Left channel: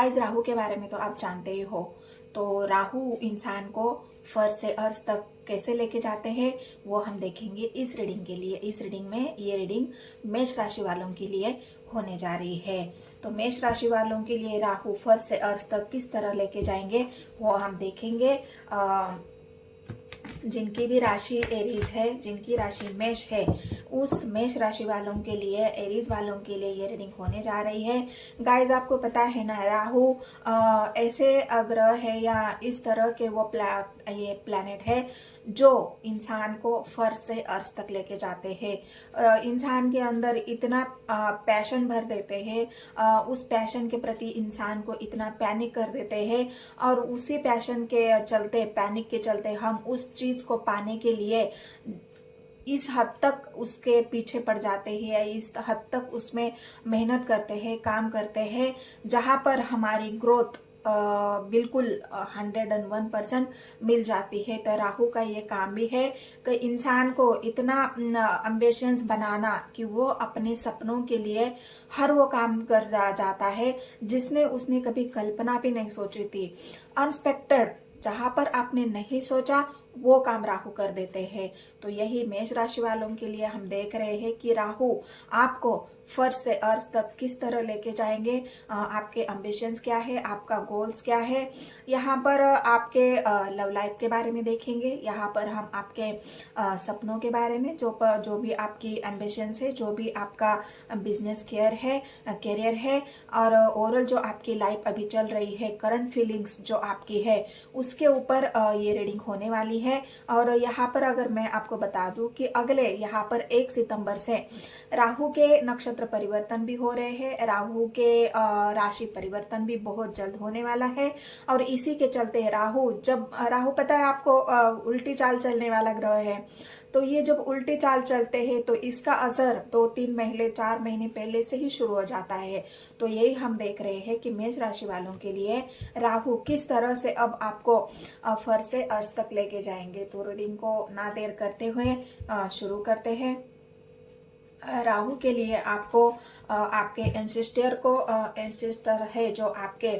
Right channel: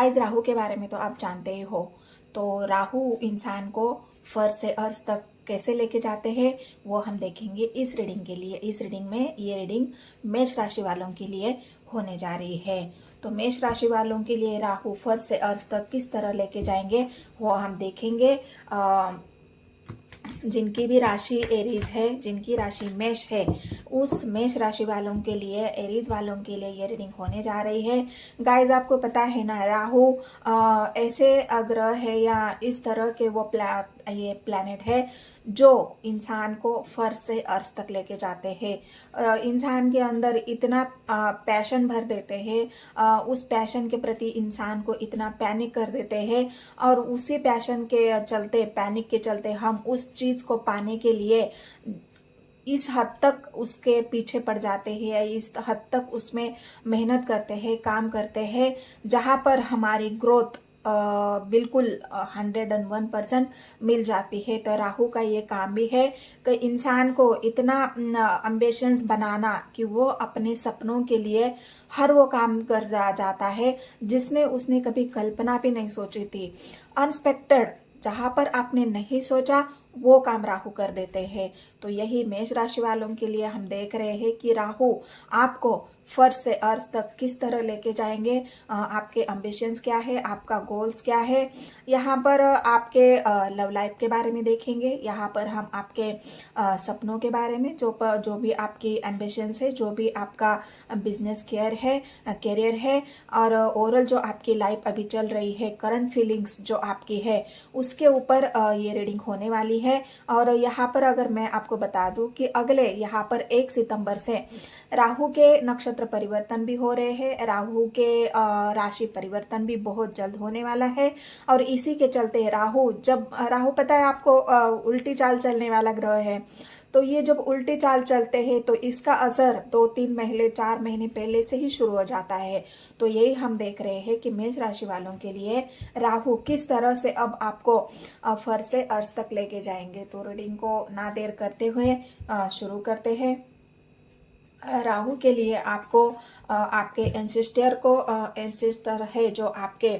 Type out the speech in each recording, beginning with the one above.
Guys, Rahu के बारे में तो आप जानते ही हो। तो राहु इंसान को फर्श से अर्श तक कैसे लेके जाते हैं वो हम देखेंगे इस रीडिंग के लिए। इस रीडिंग में ये रीडिंग मेष राशि वालों के लिए होने जा रही है। तो मेष राशि वालों के लिए राहु फर्श से अर्श तक किस तरह लेके जाएंगे वो हम देखेंगे। जिनकी भी राशि एरीज है, जिनकी राशि मेष है, उस मेष राशि वालों के लिए, एरीज वालों के लिए ये रीडिंग होने जा रही है। गाइज, आपको पता है ना, राहु ऐसे ग्रह है या इस तरह के वो ये प्लैनेट है जो इंसान को फर्श से अर्श तक लेके जाते हैं। इंसान के अंदर इतना पैशन भर देते हैं, उस पैशन के प्रति इंसान को इतना पैनिक कर देते हैं, और उसी पैशन के चलते, पैनिक के चलते हम उस चीज को पाने के लिए इस हद तक उसके पीछे पड़ जाते हैं, इस हद तक उसमें मेहनत करते हैं, काम करते हैं, जहां पर हमारी ग्रोथ बिल्कुल 101% मिल जाती है। तो राहु का ये काम भी है कि इंसान को इतना एम्बिशंस बनाना कि वो अपने सपनों के लिए हर वो काम कर जाता है जिसने उसने कभी कल्पना भी नहीं सोची थी। अनएक्सपेक्टेड, जहां पर आपने नहीं सोचा वो काम राहु कर देते हैं। तो यही मेष राशि वालों के लिए हम देख रहे हैं कि राहु आपको फर्श से अर्श तक किस तरह लेके जाएंगे, आपके एम्बिशंस क्या है, आपका गोल्स क्या है। यहाँ पर आपके लव लाइफ के बारे में देखेंगे, यहाँ पर हम आपके सपनों के बारे में, जो भी आपकी एम्बिशंस है, जो भी आपका बिजनेस करियर है, और ओवरऑल जो आपकी लाइफ अभी चल रही है, करंट फीलिंग्स जो आपकी है, उसके ऊपर ये रीडिंग होने वाली है। और यहाँ पर अगर मैं आपको बता दूं कि अगले यहाँ पर 1 सितंबर से राहु के नक्षत्र परिवर्तन भी हो रहे हैं, राहु के राशि परिवर्तन भी बहुत जल्द होने वाला है। और इसी के चलते राहु पता है आपको, उल्टी चाल चलने वाला ग्रह है। तो ये जब उल्टी चाल चलते हैं तो इसका असर 2-3 महीने 4 महीने पहले से ही शुरू हो जाता है। तो यही हम देख रहे हैं कि मेष राशि वालों के लिए राहु किस तरह से अब आपको फर्श से अर्श तक लेके जाएंगे। तो रीडिंग को ना देर करते हुए शुरू करते हैं। राहु के लिए आपको आपके एंसेस्टर है जो आपके,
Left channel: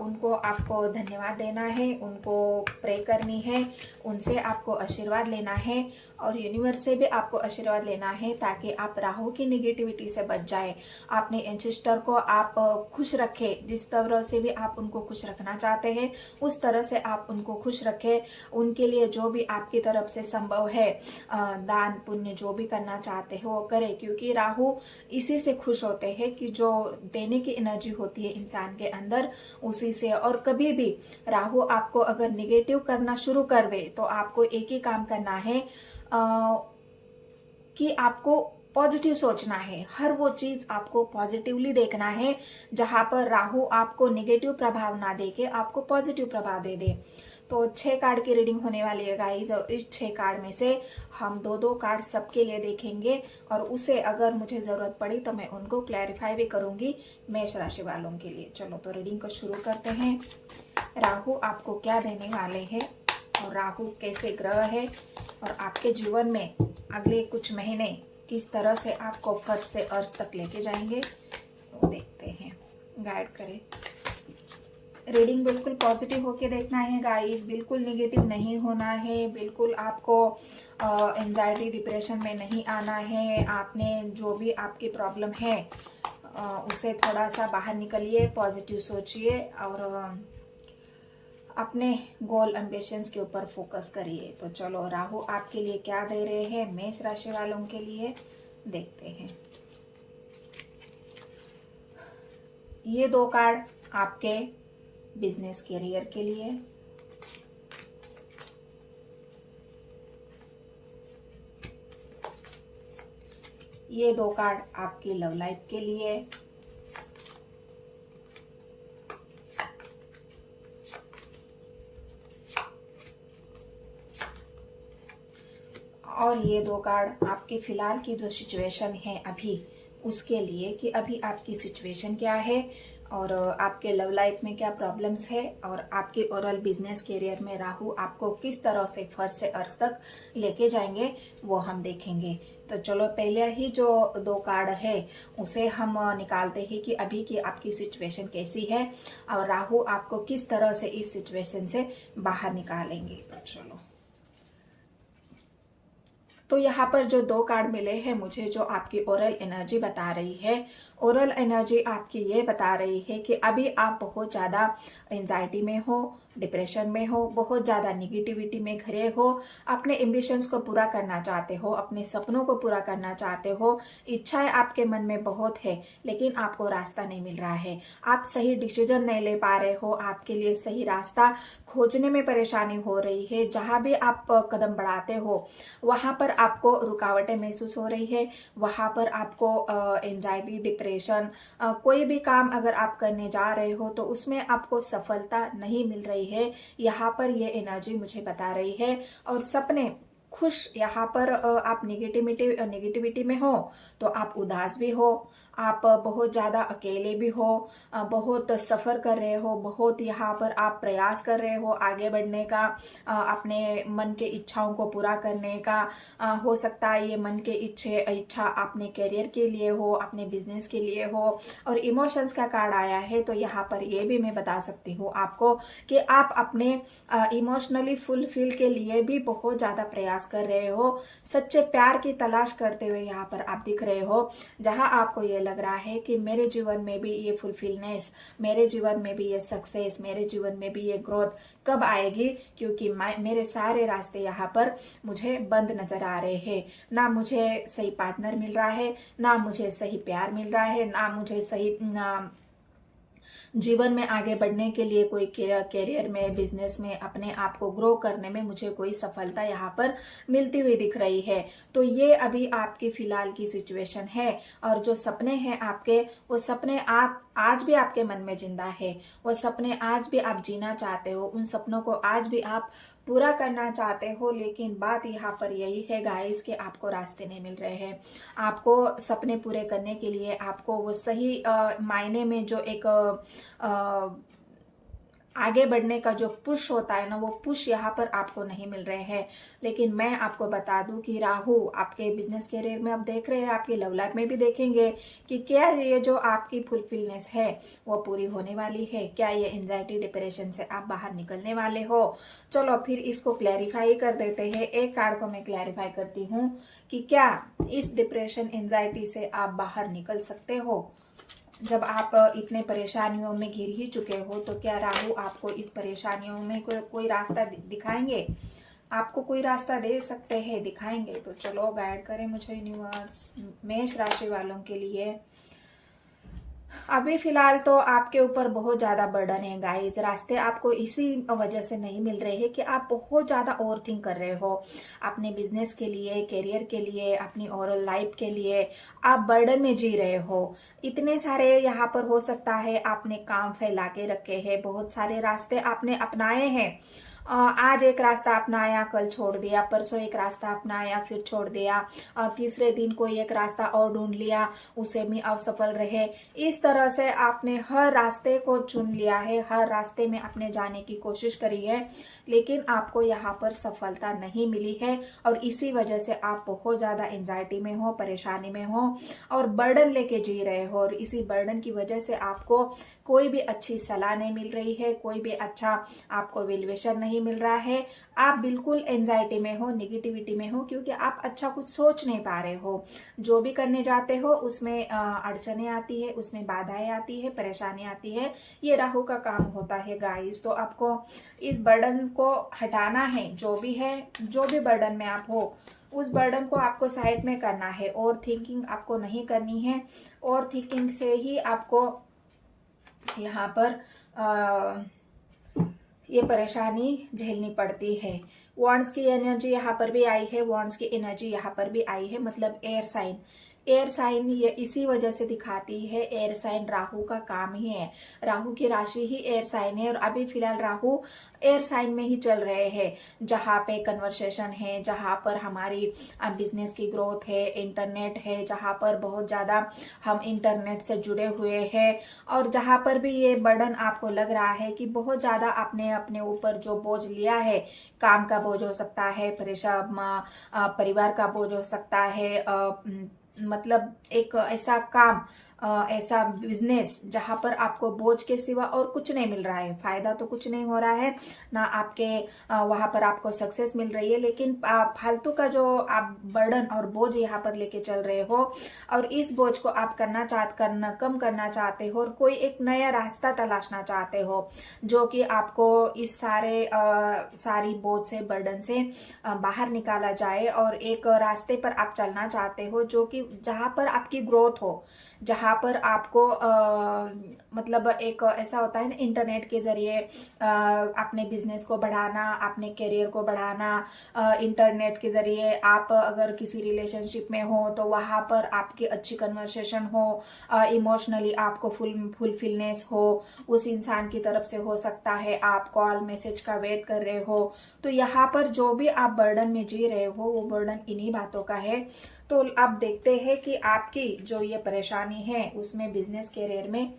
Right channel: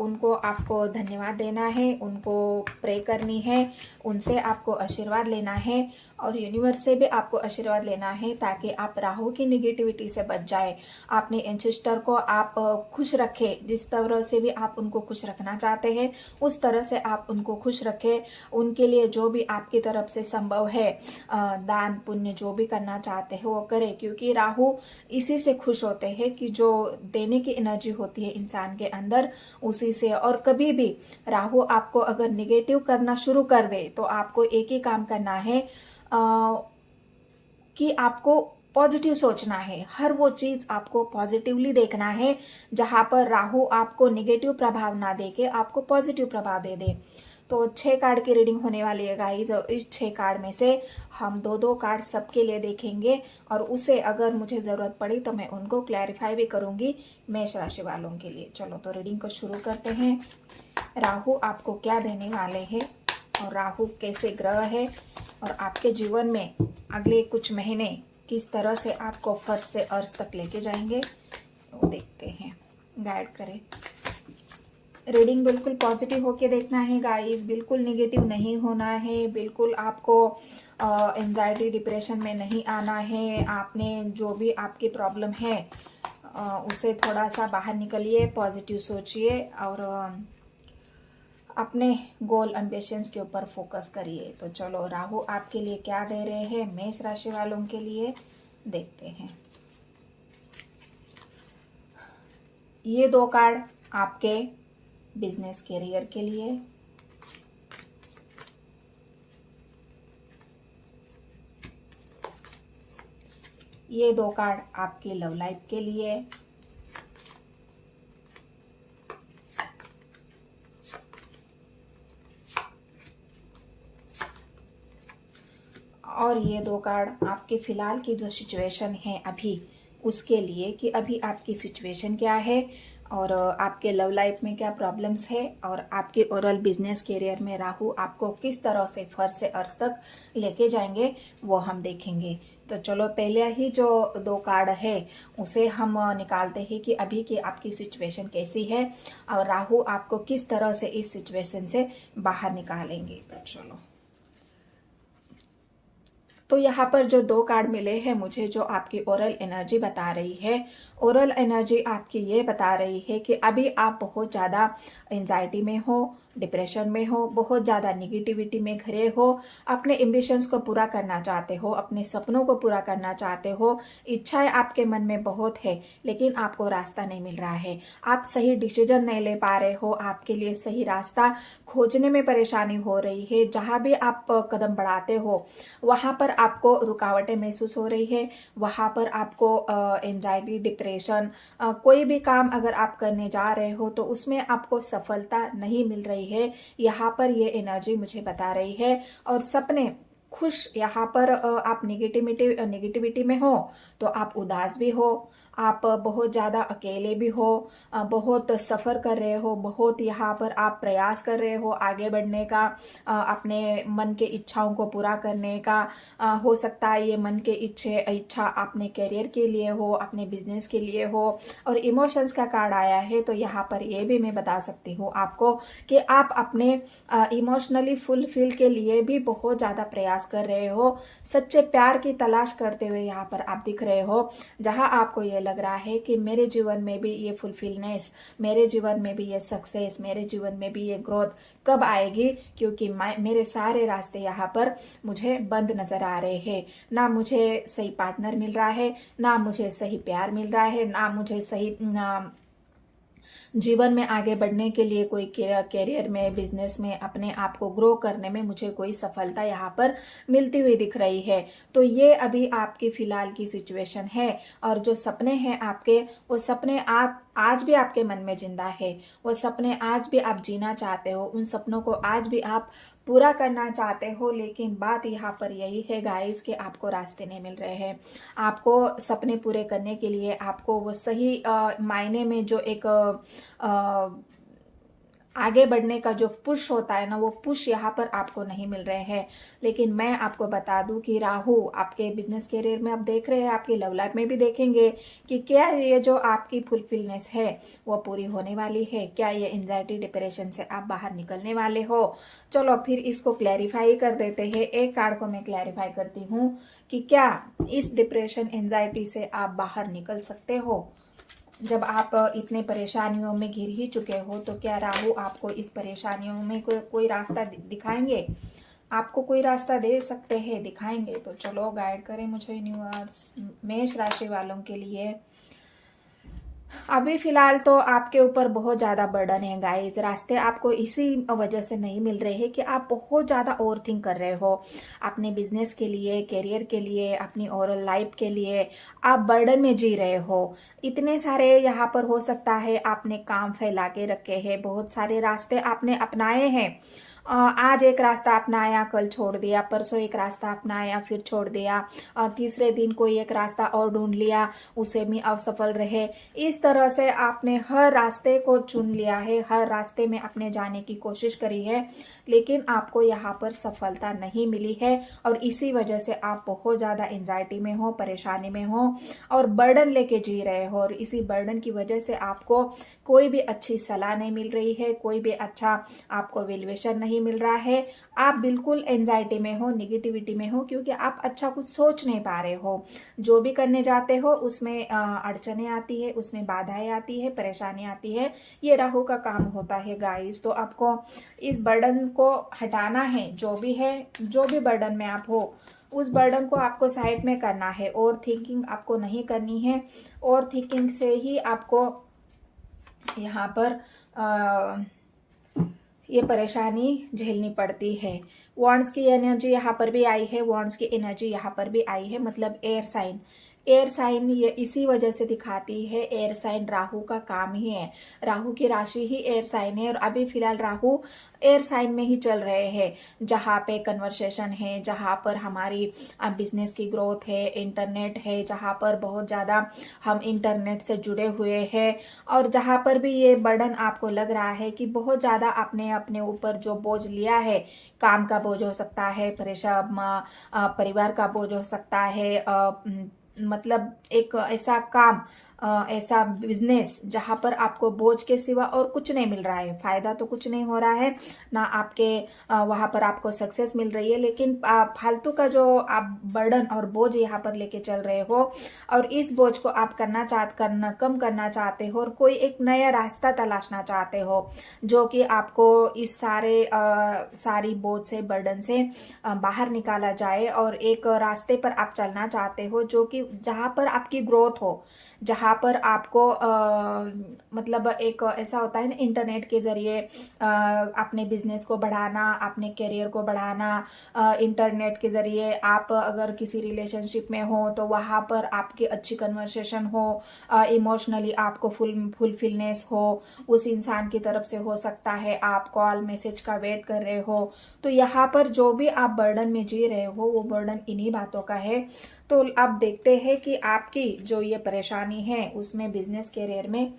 उनको आपको धन्यवाद देना है, उनको प्रे करनी है, उनसे आपको आशीर्वाद लेना है, और यूनिवर्स से भी आपको आशीर्वाद लेना है ताकि आप राहु की नेगेटिविटी से बच जाए। अपने एंसेस्टर को आप खुश रखें, जिस तरह से भी आप उनको खुश रखना चाहते हैं उस तरह से आप उनको खुश रखें। उनके लिए जो भी आपकी तरफ से संभव है, दान पुण्य जो भी करना चाहते हैं वो करें, क्योंकि राहु इसी से खुश होते हैं कि जो देने की एनर्जी होती है इंसान के अंदर, उसी से। और कभी भी राहु आपको अगर निगेटिव करना शुरू कर दे तो आपको एक ही काम करना है कि आपको पॉजिटिव सोचना है, हर वो चीज आपको पॉजिटिवली देखना है। जहां पर राहु आपको निगेटिव प्रभाव ना दे के आपको पॉजिटिव प्रभाव दे दे। तो 6 कार्ड की रीडिंग होने वाली है गाइज, और इस 6 कार्ड में से हम 2-2 कार्ड सबके लिए देखेंगे, और उसे अगर मुझे जरूरत पड़ी तो मैं उनको क्लैरिफाई भी करूंगी मेष राशि वालों के लिए। चलो तो रीडिंग को शुरू करते हैं। राहु आपको क्या देने वाले हैं, और राहु कैसे ग्रह है, और आपके जीवन में अगले कुछ महीने किस तरह से आपको फर्श से अर्श तक लेके जाएंगे वो देखते हैं। गाइड करें। रीडिंग बिल्कुल पॉजिटिव होके देखना है गाइस, बिल्कुल निगेटिव नहीं होना है, बिल्कुल आपको एंजाइटी डिप्रेशन में नहीं आना है। आपने जो भी आपकी प्रॉब्लम है उसे थोड़ा सा बाहर निकलिए, पॉजिटिव सोचिए, और अपने गोल एम्बिशंस के ऊपर फोकस करिए। तो चलो राहु आपके लिए क्या दे रहे हैं मेष राशि वालों के लिए, देखते हैं। ये 2 कार्ड आपके बिजनेस करियर के लिए, ये 2 कार्ड आपकी लव लाइफ के लिए, और ये 2 कार्ड आपके फिलहाल की जो सिचुएशन है अभी उसके लिए, कि अभी आपकी सिचुएशन क्या है, और आपके लव लाइफ में क्या प्रॉब्लम्स है और आपके ओरल बिजनेस करियर में राहु आपको किस तरह से फर्स्ट से अर्थ तक लेके जाएंगे वो हम देखेंगे। तो चलो पहले ही जो 2 कार्ड है उसे हम निकालते हैं कि अभी की आपकी सिचुएशन कैसी है और राहु आपको किस तरह से इस सिचुएशन से बाहर निकालेंगे। तो चलो, तो यहाँ पर जो 2 कार्ड मिले हैं मुझे, जो आपकी ओरल एनर्जी बता रही है, ओरल एनर्जी आपकी ये बता रही है कि अभी आप बहुत ज़्यादा एंजाइटी में हो, डिप्रेशन में हो, बहुत ज़्यादा निगेटिविटी में घिरे हो, अपने एम्बिशंस को पूरा करना चाहते हो, अपने सपनों को पूरा करना चाहते हो, इच्छाएं आपके मन में बहुत है लेकिन आपको रास्ता नहीं मिल रहा है, आप सही डिसीजन नहीं ले पा रहे हो, आपके लिए सही रास्ता खोजने में परेशानी हो रही है, जहां भी आप कदम बढ़ाते हो वहां पर आपको रुकावटें महसूस हो रही है, वहां पर आपको एंजाइटी, डिप्रेशन, कोई भी काम अगर आप करने जा रहे हो तो उसमें आपको सफलता नहीं मिल रही है, यहाँ पर ये एनर्जी मुझे बता रही है। और सपने खुश, यहाँ पर आप निगेटिविटी में हो तो आप उदास भी हो, आप बहुत ज़्यादा अकेले भी हो, बहुत सफ़र कर रहे हो, बहुत यहाँ पर आप प्रयास कर रहे हो आगे बढ़ने का, अपने मन के इच्छाओं को पूरा करने का, हो सकता है ये मन के इच्छा अपने करियर के लिए हो, अपने बिजनेस के लिए हो। और इमोशंस का कार्ड आया है तो यहाँ पर ये भी मैं बता सकती हूँ आपको कि आप अपने इमोशनली फुलफिल के लिए भी बहुत ज़्यादा प्रयास कर रहे हो, सच्चे प्यार की तलाश करते हुए यहाँ पर आप दिख रहे हो, जहां आपको ये लग रहा है कि मेरे जीवन में भी ये फुलफिलनेस, मेरे जीवन में भी ये सक्सेस, मेरे जीवन में भी ये ग्रोथ कब आएगी, क्योंकि मेरे सारे रास्ते यहाँ पर मुझे बंद नजर आ रहे हैं, ना मुझे सही पार्टनर मिल रहा है, ना मुझे सही प्यार मिल रहा है, ना मुझे सही जीवन में आगे बढ़ने के लिए कोई करियर में, बिजनेस में अपने आप को ग्रो करने में मुझे कोई सफलता यहाँ पर मिलती हुई दिख रही है। तो ये अभी आपकी फिलहाल की सिचुएशन है। और जो सपने हैं आपके, वो सपने आप आज भी आपके मन में जिंदा है, वो सपने आज भी आप जीना चाहते हो, उन सपनों को आज भी आप पूरा करना चाहते हो। लेकिन बात यहाँ पर यही है गाइस कि आपको रास्ते नहीं मिल रहे हैं। आपको सपने पूरे करने के लिए आपको वो सही मायने में जो एक आगे बढ़ने का जो पुश होता है ना, वो पुश यहाँ पर आपको नहीं मिल रहे हैं। लेकिन मैं आपको बता दूं कि राहु आपके बिजनेस करियर में आप देख रहे हैं, आपकी लव लाइफ में भी देखेंगे कि क्या ये जो आपकी फुलफिलनेस है वो पूरी होने वाली है, क्या ये एंजाइटी, डिप्रेशन से आप बाहर निकलने वाले हो। चलो फिर इसको क्लैरिफाई कर देते हैं। एक कार्ड को मैं क्लैरिफाई करती हूँ कि क्या इस डिप्रेशन, एंजाइटी से आप बाहर निकल सकते हो। जब आप इतने परेशानियों में घिर ही चुके हो तो क्या राहु आपको इस परेशानियों में कोई रास्ता दिखाएंगे, आपको कोई रास्ता दे सकते हैं, दिखाएंगे। तो चलो गाइड करें मुझे यूनिवर्स मेष राशि वालों के लिए। अभी फिलहाल तो आपके ऊपर बहुत ज्यादा बर्डन है गाइस, रास्ते आपको इसी वजह से नहीं मिल रहे हैं कि आप बहुत ज्यादा ओवर थिंक कर रहे हो अपने बिजनेस के लिए, करियर के लिए, अपनी ओरल लाइफ के लिए, आप बर्डन में जी रहे हो। इतने सारे यहाँ पर हो सकता है आपने काम फैला के रखे हैं, बहुत सारे रास्ते आपने अपनाए हैं, आज एक रास्ता अपनाया, कल छोड़ दिया, परसों एक रास्ता अपनाया, फिर छोड़ दिया, तीसरे दिन कोई एक रास्ता और ढूंढ लिया, उसे भी असफल रहे। इस तरह से आपने हर रास्ते को चुन लिया है, हर रास्ते में अपने जाने की कोशिश करी है, लेकिन आपको यहाँ पर सफलता नहीं मिली है। और इसी वजह से आप बहुत ज्यादा एंजाइटी में हो, परेशानी में हो और बर्डन लेके जी रहे हो। और इसी बर्डन की वजह से आपको कोई भी अच्छी सलाह नहीं मिल रही है, कोई भी अच्छा आपको वैल्यूएशन नहीं मिल रहा है। आप बिल्कुल एंजाइटी में हो, निगेटिविटी में हो, क्योंकि आप अच्छा कुछ सोच नहीं पा रहे हो। जो भी करने जाते हो उसमें अड़चने आती है, उसमें बाधाएं आती है, परेशानी आती है। ये राहु का काम होता है गाइस। तो आपको इस बर्डन को हटाना है, जो भी है, जो भी बर्डन में आप हो उस बर्डन को आपको साइड में करना है। और थिंकिंग आपको नहीं करनी है, और थिंकिंग से ही आपको यहाँ पर ये परेशानी झेलनी पड़ती है। वॉन्ड्स की एनर्जी यहाँ पर भी आई है, वॉन्ड्स की एनर्जी यहाँ पर भी आई है, मतलब एयर साइन, एयर साइन ये इसी वजह से दिखाती है, एयर साइन राहु का काम ही है, राहु की राशि ही एयर साइन है। और अभी फिलहाल राहु एयर साइन में ही चल रहे हैं, जहाँ पे कन्वर्सेशन है, जहाँ पर हमारी बिजनेस की ग्रोथ है, इंटरनेट है, जहाँ पर बहुत ज़्यादा हम इंटरनेट से जुड़े हुए हैं, और जहाँ पर भी ये बर्डन आपको लग रहा है कि बहुत ज़्यादा आपने अपने ऊपर जो बोझ लिया है, काम का बोझ हो सकता है, परेशान परिवार का बोझ हो सकता है, मतलब एक ऐसा काम, ऐसा बिजनेस जहां पर आपको बोझ के सिवा और कुछ नहीं मिल रहा है, फायदा तो कुछ नहीं हो रहा है ना, आपके वहां पर आपको सक्सेस मिल रही है, लेकिन फालतू का जो आप बर्डन और बोझ यहाँ पर लेके चल रहे हो, और इस बोझ को आप कम करना चाहते हो, और कोई एक नया रास्ता तलाशना चाहते हो जो कि आपको इस सारी बोझ से, बर्डन से बाहर निकाला जाए, और एक रास्ते पर आप चलना चाहते हो जो कि जहां पर आपकी ग्रोथ हो, जहां पर आपको मतलब एक ऐसा होता है ना, इंटरनेट के जरिए अपने बिजनेस को बढ़ाना, अपने करियर को बढ़ाना, इंटरनेट के जरिए आप अगर किसी रिलेशनशिप में हो तो वहां पर आपकी अच्छी कन्वर्सेशन हो, इमोशनली आपको फुलफिलनेस हो, उस इंसान की तरफ से हो सकता है, आप कॉल मैसेज का वेट कर रहे हो, तो यहाँ पर जो भी आप बर्डन में जी रहे हो वो बर्डन इन्हीं बातों का है। तो आप देखते हैं कि आपकी जो ये परेशानी है उसमें बिजनेस करियर में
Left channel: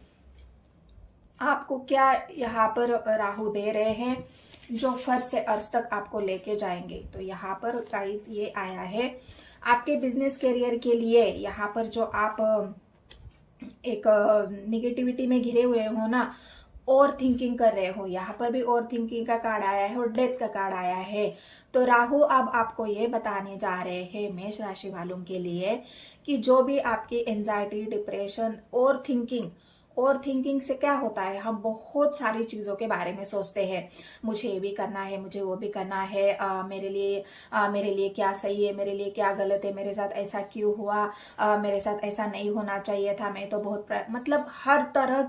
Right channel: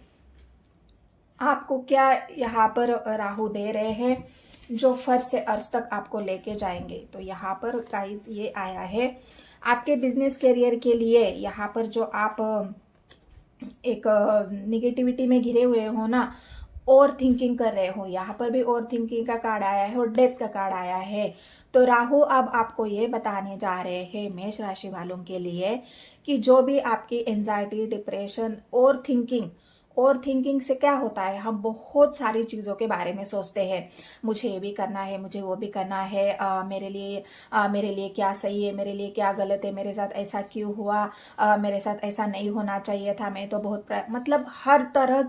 आपको क्या यहाँ पर राहु दे रहे हैं, जो फर्श से अर्श तक आपको लेके जाएंगे। तो यहाँ पर गाइस ये आया है आपके बिजनेस करियर के लिए, यहाँ पर जो आप एक निगेटिविटी में घिरे हुए हो ना, ओवर थिंकिंग कर रहे हो, यहाँ पर भी ओवर थिंकिंग का कार्ड आया है और डेथ का कार्ड आया है। तो राहु अब आपको ये बताने जा रहे हैं मेष राशि वालों के लिए कि जो भी आपकी एंजाइटी, डिप्रेशन, ओवर थिंकिंग से क्या होता है, हम बहुत सारी चीजों के बारे में सोचते हैं, मुझे ये भी करना है, मुझे वो भी करना है, मेरे लिए क्या सही है, मेरे लिए क्या गलत है, मेरे साथ ऐसा क्यों हुआ, मेरे साथ ऐसा नहीं होना चाहिए था, मैं तो बहुत मतलब हर तरह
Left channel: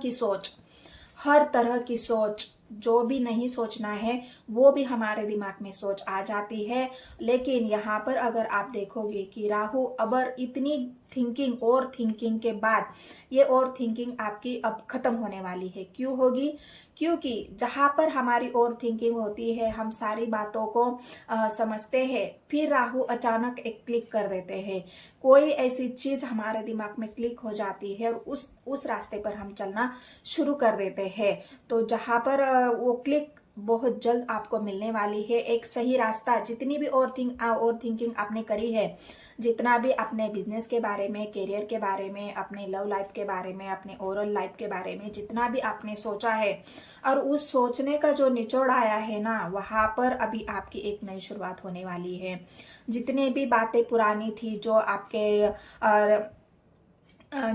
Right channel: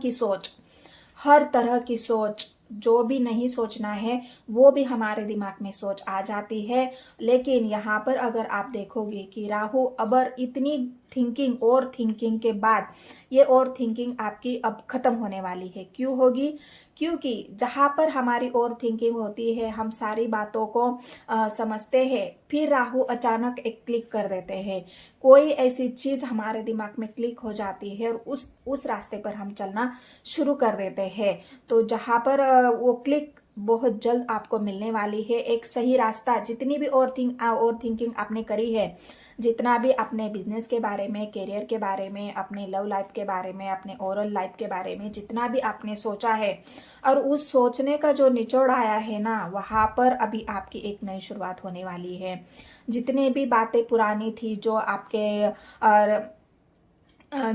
की सोच, जो भी नहीं सोचना है वो भी हमारे दिमाग में सोच आ जाती है। लेकिन यहाँ पर अगर आप देखोगे कि राहु अबर इतनी थिंकिंग और थिंकिंग के बाद ये और थिंकिंग आपकी अब खत्म होने वाली है। क्यों होगी? क्योंकि जहां पर हमारी और थिंकिंग होती है, हम सारी बातों को समझते हैं, फिर राहु अचानक एक क्लिक कर देते हैं, कोई ऐसी चीज हमारे दिमाग में क्लिक हो जाती है और उस रास्ते पर हम चलना शुरू कर देते हैं। तो जहां पर वो क्लिक बहुत जल्द आपको मिलने वाली है, एक सही रास्ता। जितनी भी और थिंकिंग आपने करी है, जितना भी अपने बिजनेस के बारे में, करियर के बारे में, अपने लव लाइफ के बारे में, अपने ओरल लाइफ के बारे में जितना भी आपने सोचा है, और उस सोचने का जो निचोड़ आया है ना, वहां पर अभी आपकी एक नई शुरुआत होने वाली है। जितने भी बातें पुरानी थी,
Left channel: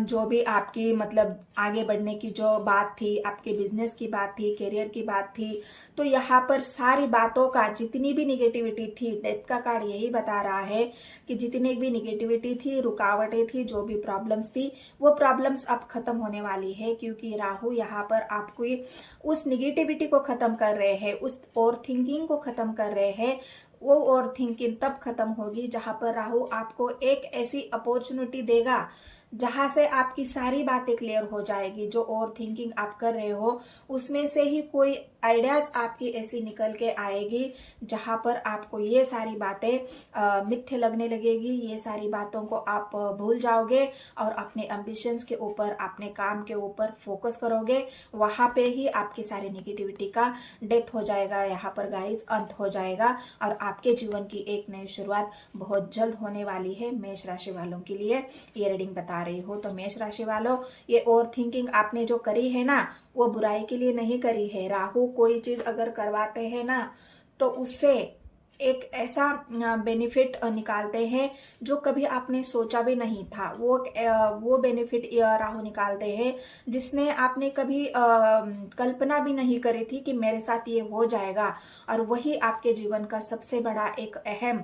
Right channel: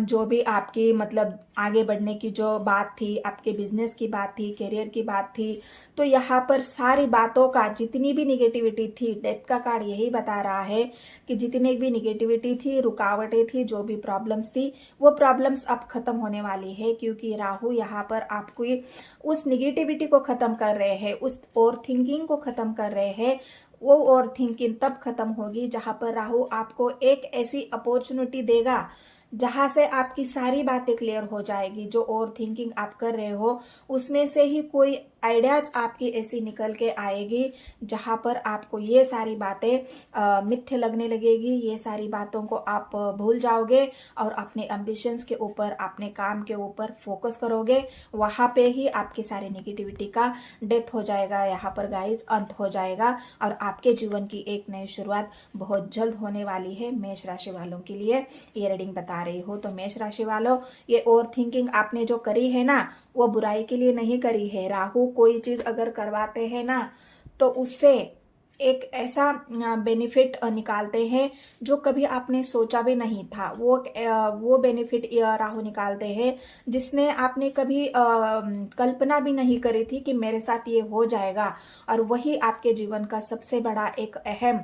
जो भी आपकी मतलब आगे बढ़ने की जो बात थी, आपके बिजनेस की बात थी, करियर की बात थी, तो यहाँ पर सारी बातों का, जितनी भी निगेटिविटी थी, डेथ का कार्ड यही बता रहा है कि जितनी भी निगेटिविटी थी, रुकावटें थी, जो भी प्रॉब्लम्स थी, वो प्रॉब्लम्स अब खत्म होने वाली है। क्योंकि राहु यहाँ पर आपको उस निगेटिविटी को खत्म कर रहे हैं, उस ओवर थिंकिंग को खत्म कर रहे हैं। वो ओवर थिंकिंग तब खत्म होगी जहां पर राहु आपको एक ऐसी अपॉर्चुनिटी देगा जहां से आपकी सारी बातें क्लियर हो जाएगी। जो ओवर थिंकिंग आप कर रहे हो उसमें से ही कोई आइडियाज आपकी ऐसी निकल के आएगी जहां पर आपको ये सारी बातें मिथ्य लगने लगेगी, ये सारी बातों को आप भूल जाओगे और अपने एम्बिशंस के ऊपर, अपने काम के ऊपर फोकस करोगे। वहां पे ही आपकी सारी नेगेटिविटी का डेथ हो जाएगा, यहाँ पर गाइस अंत हो जाएगा, और आपके जीवन की एक नई शुरुआत बहुत जल्द होने वाली है। मेष राशि वालों के लिए ये रीडिंग बता रही हो। तो मेष राशि वालों, ये ओवर थिंकिंग आपने जो करी है ना, वो बुराई के लिए नहीं करी है। राहु कोई चीज अगर करवाते हैं ना, तो उससे एक ऐसा बेनिफिट निकालते हैं जो कभी आपने सोचा भी नहीं था। वो बेनिफिट राहु निकालते हैं जिसने आपने कभी कल्पना भी नहीं करी थी कि मेरे साथ ये हो जाएगा। और वही आपके जीवन का सबसे बड़ा एक अहम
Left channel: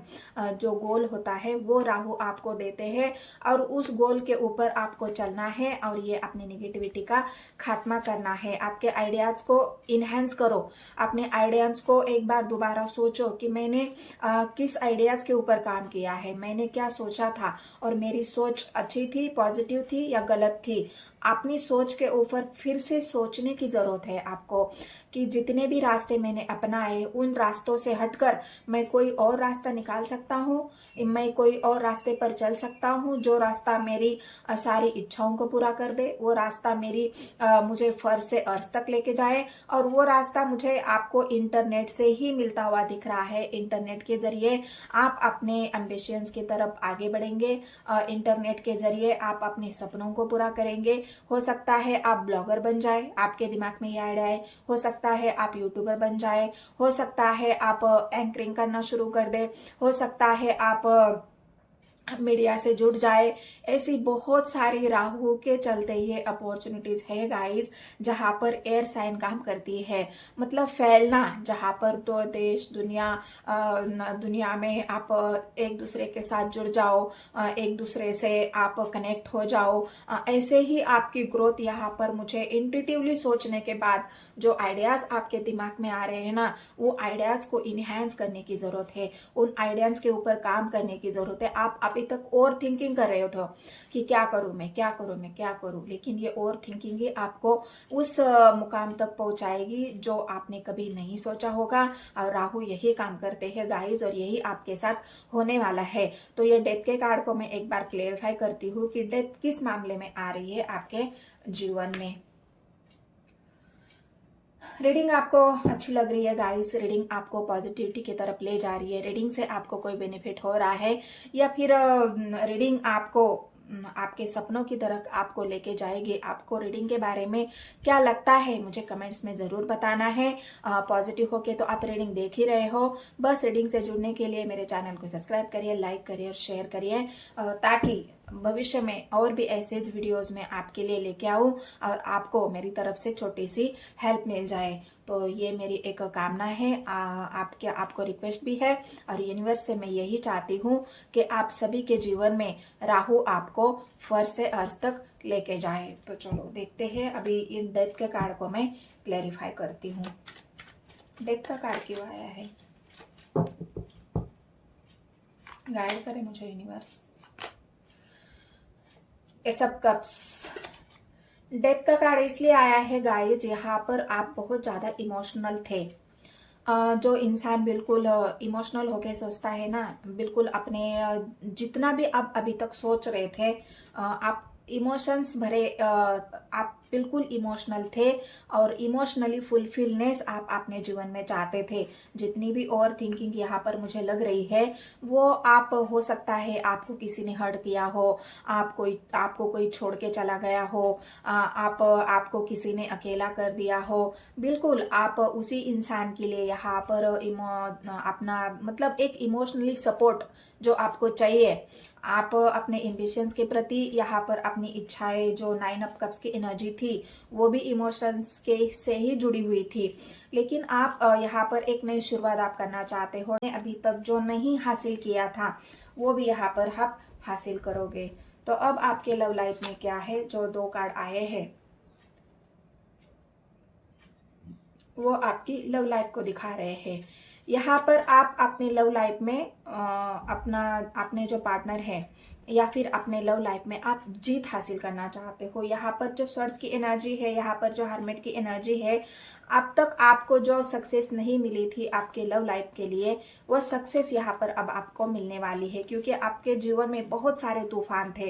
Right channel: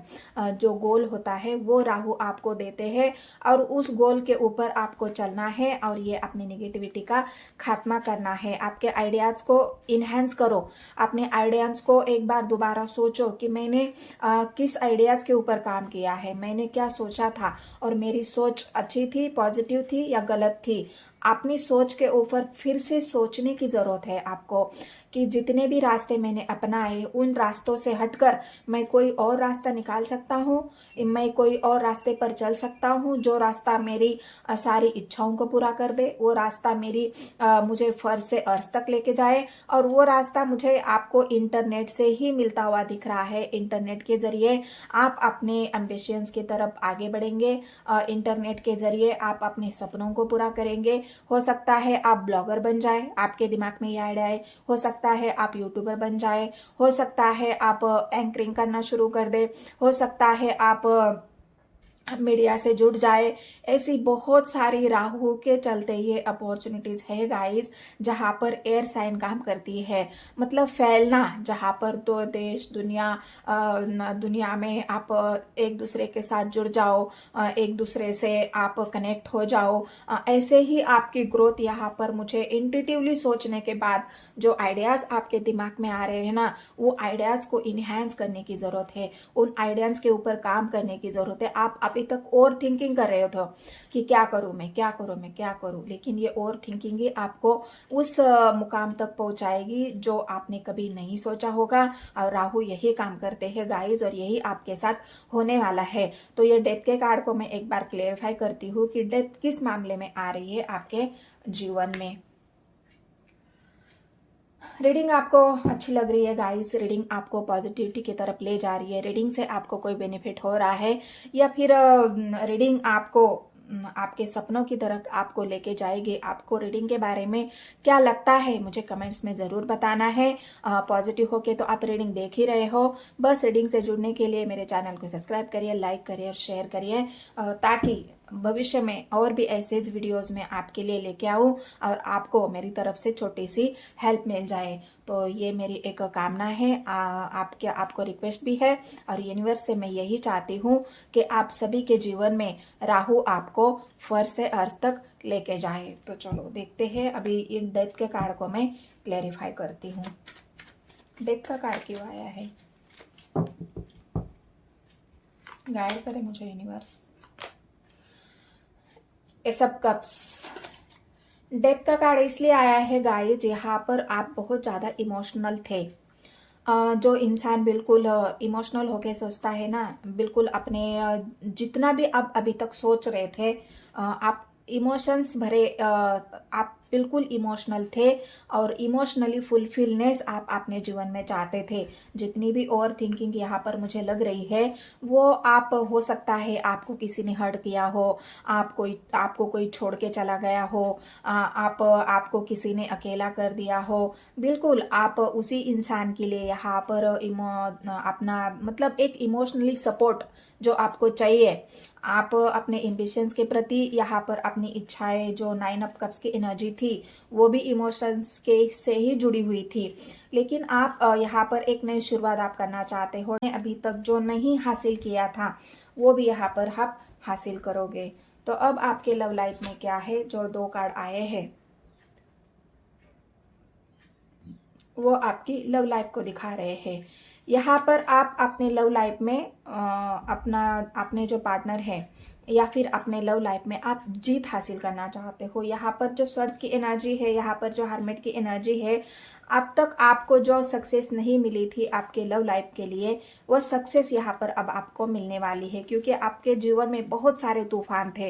जो गोल होता है वो राहु आपको देते हैं, और उस गोल के ऊपर आपको चलना है और ये अपनी निगेटिविटी का खात्मा करना है। आपके आइडियाज को इनहेंस करो, अपने आइडियाज को एक बार दोबारा सोचो कि मैंने मैंने किस आइडियाज़ के ऊपर काम किया है, मैंने क्या सोचा था और मेरी सोच अच्छी थी, पॉजिटिव थी या गलत थी। अपनी सोच के ऊपर फिर से सोचने की ज़रूरत है आपको कि जितने भी रास्ते मैंने अपनाए उन रास्तों से हटकर मैं कोई और रास्ता निकाल सकता हूँ, मैं कोई और रास्ते पर चल सकता हूँ जो रास्ता मेरी सारी इच्छाओं को पूरा कर दे, वो रास्ता मुझे फर्ज से अर्श तक लेके जाए। और वो रास्ता मुझे आपको इंटरनेट से ही मिलता हुआ दिख रहा है। इंटरनेट के जरिए आप अपने एम्बिशंस की तरफ आगे बढ़ेंगे, इंटरनेट के जरिए आप अपने सपनों को पूरा करेंगे। हो सकता है आप ब्लॉगर बन जाए, आपके दिमाग में ये आइडिया है। हो सकता है आप यूट्यूबर बन जाए, हो सकता है आप एंकरिंग करना शुरू कर दे, हो सकता है आप मीडिया से जुड़ जाए। ऐसी बहुत सारी राहु के चलते ये अपॉर्चुनिटीज है गाइस, जहां पर एयर साइन काम करती है। मतलब फैलना, जहां पर दो देश दुनिया में आप एक दूसरे के साथ जुड़ जाओ, एक दूसरे से आप कनेक्ट हो जाओ। ऐसे ही आपकी ग्रोथ यहाँ पर मुझे इंट्यूटिवली सोचने के बाद जो आइडियाज आपके दिमाग में आ रहे हैं ना, वो आइडियाज को इनहेंस करने की जरूरत है, उन आइडियाज के ऊपर काम करने की जरूरत है। आप अभी तक ओवर थिंकिंग कर रहे हो तो कि क्या करूं मैं, क्या करूं मैं, क्या करूं, लेकिन ये ओवर थिंकिंग ही आपको उस मुकाम तक पहुंचाएगी जो आपने कभी नहीं सोचा होगा। और राहु यही काम करते हैं गाइस, और यही आपके साथ होने वाला है। तो ये डेथ के कार्ड को मैं एक बार क्लेरिफाई करती हूँ कि डेथ किस मामले में आ रही है आपके जीवन में। रीडिंग आपको अच्छी लग रही है गाइस, रीडिंग आपको पॉजिटिविटी की तरफ ले जा रही है, रीडिंग से आपको कोई बेनिफिट हो रहा है, या फिर रीडिंग आपको आपके सपनों की तरफ आपको लेके जाएगी। आपको रीडिंग के बारे में क्या लगता है मुझे कमेंट्स में ज़रूर बताना है। पॉजिटिव हो के तो आप रीडिंग देख ही रहे हो। बस रीडिंग से जुड़ने के लिए मेरे चैनल को सब्सक्राइब करिए, लाइक करिए और शेयर करिए, ताकि भविष्य में और भी ऐसे वीडियोस में आपके लिए लेके आऊँ और आपको मेरी तरफ से छोटी सी हेल्प मिल जाए। तो ये मेरी एक कामना है, आपको रिक्वेस्ट भी है, और यूनिवर्स से मैं यही चाहती हूँ कि आप सभी के जीवन में राहु आपको फर्ज से अर्श तक लेके जाए। तो चलो देखते हैं, अभी इन डेथ के कार्ड को मैं क्लेरिफाई करती हूँ। डेथ का कार्ड क्यों आया है, गाइड करे मुझे universe. S of cups, death का कार्ड इसलिए आया है गाइस, यहाँ पर आप बहुत ज़्यादा इमोशनल थे। जो इंसान बिल्कुल इमोशनल होके सोचता है ना, बिल्कुल अपने जितना भी आप अभी तक सोच रहे थे, आप इमोशंस भरे, आप बिल्कुल इमोशनल थे और इमोशनली फुलफिलनेस आप अपने जीवन में चाहते थे। जितनी भी ओवर थिंकिंग यहाँ पर मुझे लग रही है वो आप, हो सकता है आपको किसी ने हर्ट किया हो, आपको कोई छोड़ के चला गया हो, आपको किसी ने अकेला कर दिया हो। बिल्कुल आप उसी इंसान के लिए यहाँ पर अपना मतलब एक इमोशनली सपोर्ट जो आपको चाहिए, आप अपने एम्बिशंस के प्रति यहाँ पर अपनी इच्छाएं, जो 9 ऑफ कप्स की एनर्जी थी वो भी इमोशंस के से ही जुड़ी हुई थी। लेकिन आप यहाँ पर एक नई शुरुआत आप करना चाहते हो, अभी तक जो नहीं हासिल किया था वो भी यहाँ पर आप हासिल करोगे। तो अब आपके लव लाइफ में क्या है, जो 2 कार्ड आए हैं वो आपकी लव लाइफ को दिखा रहे हैं। यहाँ पर आप अपने लव लाइफ में अपने जो पार्टनर है या फिर अपने लव लाइफ में आप जीत हासिल करना चाहते हो। यहाँ पर जो स्वर्ड्स की एनर्जी है, यहाँ पर जो हर्मिट की एनर्जी है, अब तक आपको जो सक्सेस नहीं मिली थी आपके लव लाइफ के लिए, वो सक्सेस यहाँ पर अब आपको मिलने वाली है। क्योंकि आपके जीवन में बहुत सारे तूफान थे,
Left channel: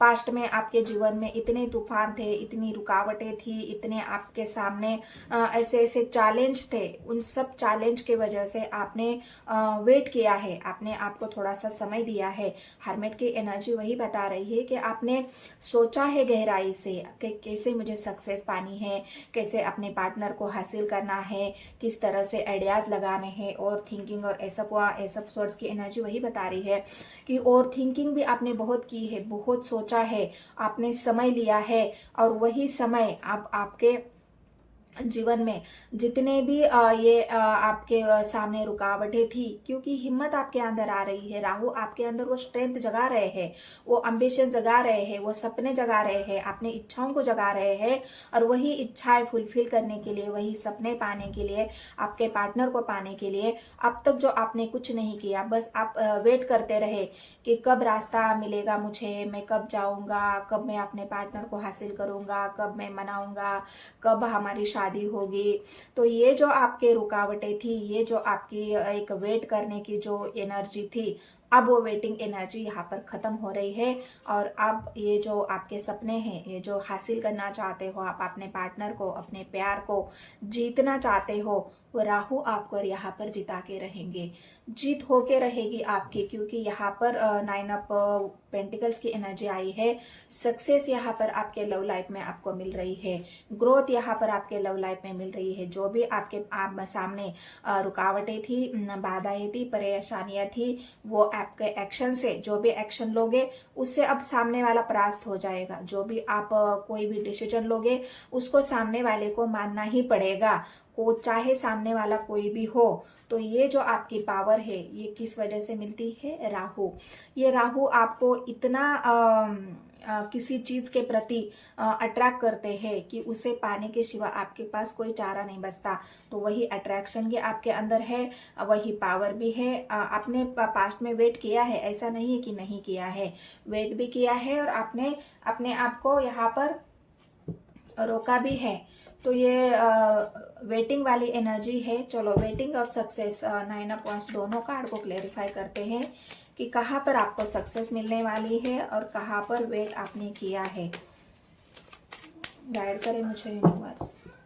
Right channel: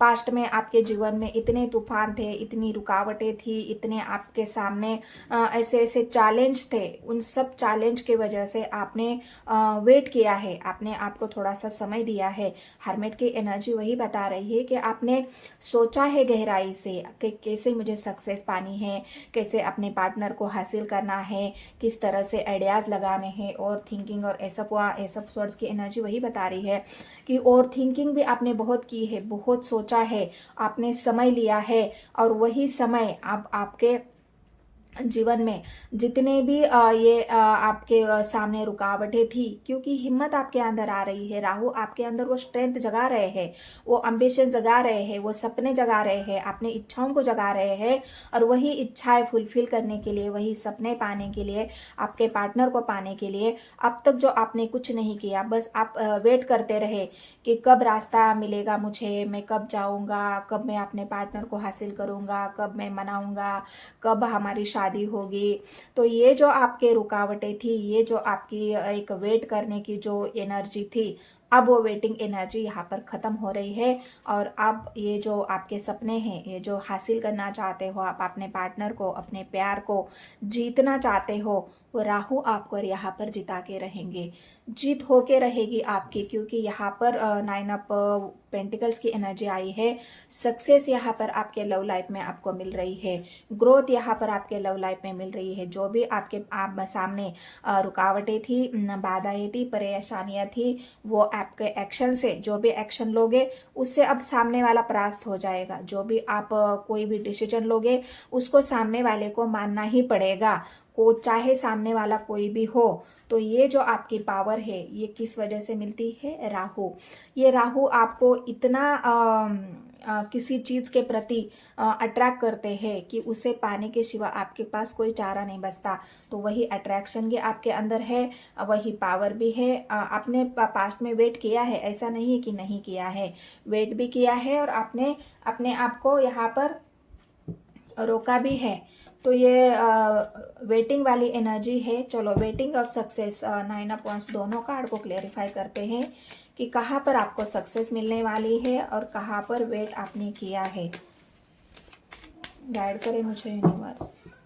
पास्ट में आपके जीवन में इतने तूफान थे, इतनी रुकावटें थी, इतने आपके सामने ऐसे ऐसे चैलेंज थे। उन सब चैलेंज की वजह से आपने वेट किया है, आपने आपको थोड़ा सा समय दिया है। हर्मिट की एनर्जी वही बता रही है कि आपने सोचा है गहराई से कि कैसे मुझे सक्सेस पानी है, कैसे अपने पार्टनर को हासिल करना है, किस तरह से आइडियाज लगाने हैं। और थिंकिंग और ऐसा स्वर्ड्स की एनर्जी वही बता रही है कि और थिंकिंग भी आपने बहुत की है, बहुत सोचा है, आपने समय लिया है, और वही समय अब आपके जीवन में जितने भी आपके सामने रुकावटें थी, क्योंकि हिम्मत आपके अंदर आ रही है। राहु आपके अंदर वो स्ट्रेंथ जगा रहे हैं, वो एम्बिशन जगा रहे हैं, वो सपने जगा रहे हैं, अपने इच्छाओं को जगा रहे हैं। और वही इच्छाएं फुलफिल करने के लिए, वही सपने पाने के लिए, आपके पार्टनर को पाने के लिए अब तक जो आपने कुछ नहीं किया, बस आप वेट करते रहे कि कब रास्ता मिलेगा मुझे, मैं कब जाऊंगा, कब मैं अपने पार्टनर को हासिल करूंगा, कब मैं मनाऊंगा, कब हमारी शादी होगी। तो ये जो आपके रुकावटें थी, ये जो आपकी एक वेट करने की जो एनर्जी थी, अब वो वेटिंग एनर्जी यहाँ पर खत्म हो रही है। और अब ये जो आपके सपने हैं, ये जो हासिल करना चाहते हो आप, अपने पार्टनर को, अपने प्यार को जीतना चाहते हो, वो राहु आपको यहाँ पर जिता के रहेंगे, जीत होके रहेगी आपकी। क्योंकि यहाँ पर 9 ऑफ पेंटिकल्स की एनर्जी आई है। सक्सेस यहाँ पर आपके लव लाइफ में आपको मिल रही है, ग्रोथ यहाँ पर आपके लव लाइफ में मिल रही है। जो भी आपके सामने रुकावटें थी, बाधाएं थी, परेशानियां थी, वो आपके एक्शन से, जो भी एक्शन लोगे उससे अब सामने वाला परास्त हो जाएगा। जो भी आप कोई भी डिसीजन लोगे उसको सामने वाले को मानना ही पड़ेगा, को चाहे सामने वाला कोई भी हो। तो ये जो आपकी पावर है, ये किस वजह से मिलती है? राहु। ये राहु आपको इतना किसी चीज के प्रति अट्रैक्ट करते हैं कि उसे पाने के सिवा आपके पास कोई चारा नहीं बचता। तो वही अट्रैक्शन भी आपके अंदर है, वही पावर भी है। आपने पास्ट में वेट किया है, ऐसा नहीं है कि नहीं किया है, वेट भी किया है और आपने अपने आप को यहाँ पर रोका भी है। तो ये वेटिंग वाली एनर्जी है। चलो वेटिंग और सक्सेस 9 ऑफ वांड्स दोनों कार्ड को क्लेरिफाई करते हैं कि कहाँ पर आपको सक्सेस मिलने वाली है और कहाँ पर वेट आपने किया है। गाइड करें मुझे यूनिवर्स।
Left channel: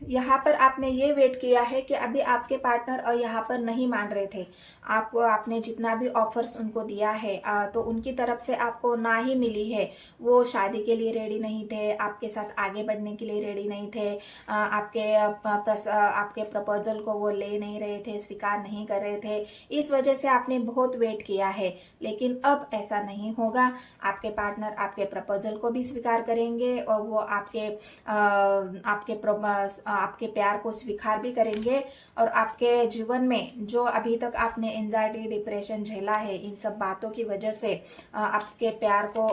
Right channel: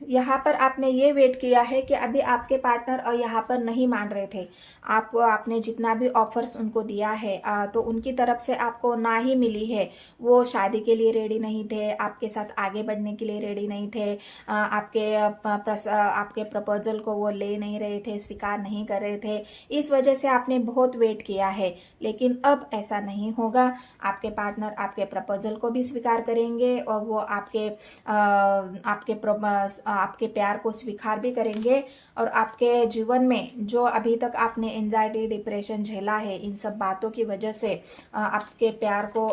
यहाँ पर आपने ये वेट किया है कि अभी आपके पार्टनर और यहाँ पर नहीं मान रहे थे आपको, आपने जितना भी ऑफर्स उनको दिया है तो उनकी तरफ से आपको ना ही मिली है। वो शादी के लिए रेडी नहीं थे, आपके साथ आगे बढ़ने के लिए रेडी नहीं थे, आपके प्रपोजल को वो ले नहीं रहे थे, स्वीकार नहीं कर रहे थे। इस वजह से आपने बहुत वेट किया है। लेकिन अब ऐसा नहीं होगा, आपके पार्टनर आपके प्रपोजल को भी स्वीकार करेंगे और वो आपके प्यार को स्वीकार भी करेंगे। और आपके जीवन में जो अभी तक आपने एंजाइटी, डिप्रेशन झेला है, इन सब बातों की वजह से आपके प्यार को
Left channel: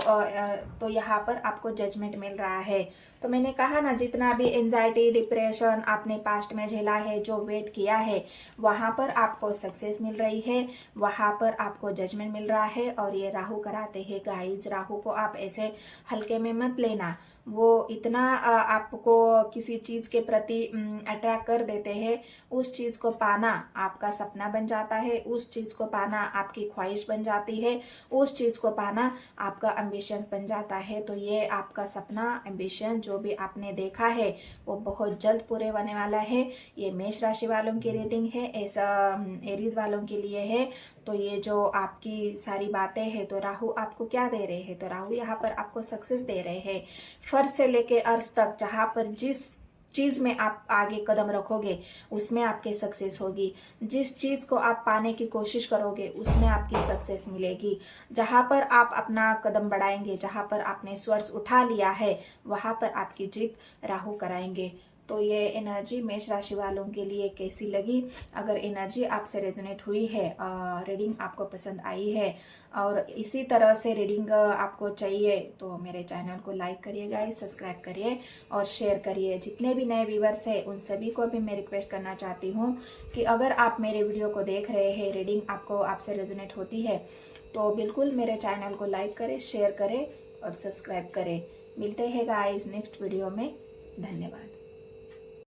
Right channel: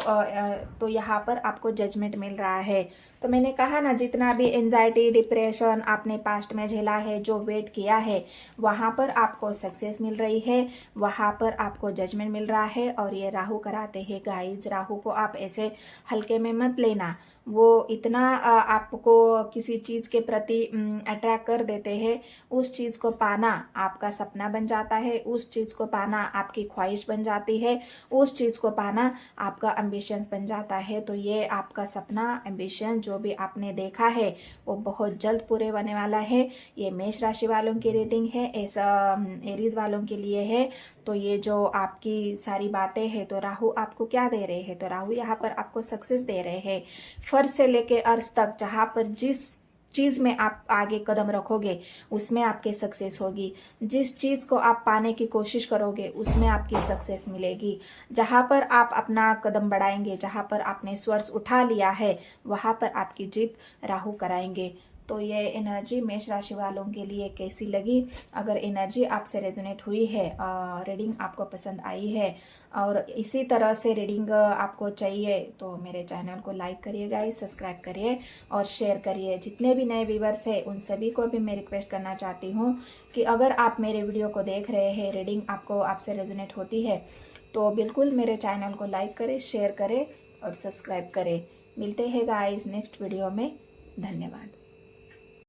तो यहाँ पर आपको जजमेंट मिल रहा है। तो मैंने कहा ना, जितना भी एंजाइटी, डिप्रेशन आपने पास्ट में झेला है, जो वेट किया है, वहां पर आपको सक्सेस मिल रही है, वहां पर आपको जजमेंट मिल रहा है। और ये राहु कराते हैं गाइज। राहु को आप ऐसे हल्के में मत लेना, वो इतना आपको किसी चीज के प्रति अट्रैक्ट कर देते हैं। उस चीज को पाना आपका सपना बन जाता है, उस चीज को पाना आपकी ख्वाहिश बन जाती है, उस चीज को पाना आपका एम्बिशंस बन जाता है। तो ये आपका सपना, एम्बिशन जो भी आपने देखा है वो बहुत जल्द पूरे होने वाला है। ये मेष राशि वालों की रीडिंग है, ऐसा एरीज वालों के लिए है। तो ये जो आपकी सारी बातें हैं, तो राहु आपको क्या दे रहे हैं? तो राहु यहाँ पर आपको सक्सेस दे रहे हैं। फर्ज से लेके अर्श तक, जहां पर जिस चीज में आप आगे कदम रखोगे उसमें आपके सक्सेस होगी। जिस चीज को आप पाने की कोशिश करोगे उसमें आपकी सक्सेस मिलेगी। जहां पर आप अपना कदम बढ़ाएंगे, जहां पर आपने स्वर्स उठा लिया है, वहां पर आपकी जीत राहु कराएंगे। तो ये एनर्जी मेष राशि वालों के लिए कैसी लगी? अगर एनर्जी आपसे रेजोनेट हुई है, रीडिंग आपको पसंद आई है और इसी तरह से रीडिंग आपको चाहिए, तो मेरे चैनल को लाइक करिए गाइस, सब्सक्राइब करिए और शेयर करिए। जितने भी नए व्यूवर्स हैं उन सभी को भी मैं रिक्वेस्ट करना चाहती हूँ कि अगर आप मेरे वीडियो को देख रहे हैं, रीडिंग आपसे रेजोनेट होती है, तो बिल्कुल मेरे चैनल को लाइक करें, शेयर करें और सब्सक्राइब करें। मिलते हैं गाइस नेक्स्ट वीडियो में। धन्यवाद।